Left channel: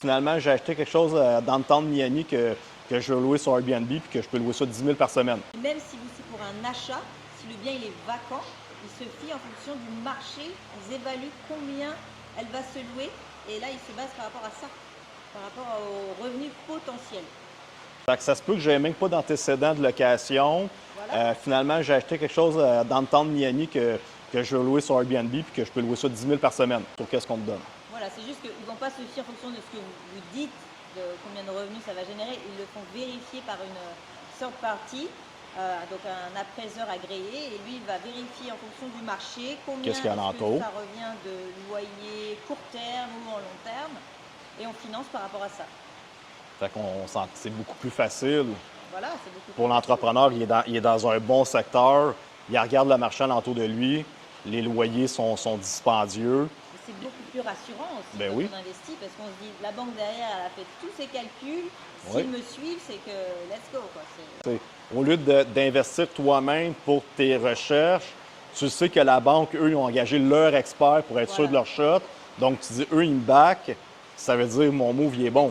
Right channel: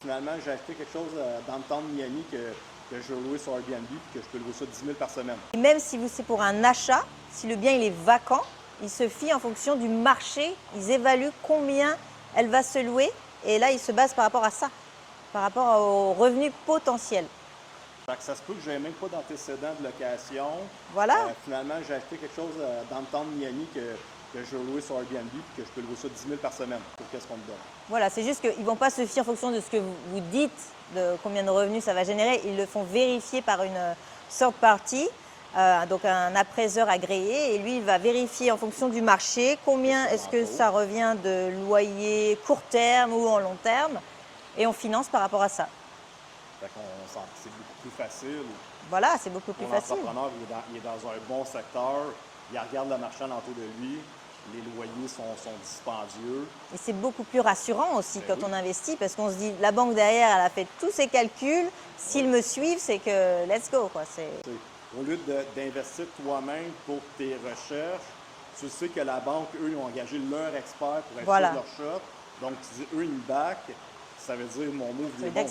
Finalement, j'ai acheté quelque chose dans le temps de Miami que je veux louer sur Airbnb puis que je peux louer ça 10 000 par semaine. Et même si c'est pour un achat, si le bien il est vacant, ils se fient en fonction du marché, ils évaluent combien elle va se louer et là ils se basent par rapport à ça, par rapport aux revenus potentiels. Fait que ça se peut que je n'ai même pas d'antécédent de location. Voilà, Finalement, j'ai acheté quelque chose dans le temps de Miami que je veux louer sur Airbnb puis que je peux louer ça 10 000 par semaine. Pour qu'est-ce qu'on me donne? voilà, c'est juste qu'ils ne vont pas se fier en fonction de ce que vous dites, de combien de revenus ça va générer. Ils le font vérifier par une third party, donc un appraiseur agréé, et lui, il va vérifier en fonction du marché Qu'est-ce combien qu'il y a est-ce que alentour? ça revient de loyer court terme ou en long terme, et on finance par rapport à ça. Fait qu'on sent que c'est beaucoup plus facile. Voilà, c'est beaucoup plus Pour facile. l'entrepreneur, il est dans un bon secteur, il regarde le marché alentour de lui, les loyers sont dispendieux. Et c'est beaucoup plus rassurant aussi Ben quand oui. on investit parce qu'on se dit, la banque derrière, elle a fait tous ses calculs. S'ils Oui. me suivent, c'est que let's go, quoi. Au lieu d'investir toi-même pour tes recherches, tu sais que la banque, eux, ils ont engagé leur expert pour être sûr de Voilà. leur shot. Donc, tu dis, eux, ils me back. Ça veut dire, mon move, il est bon.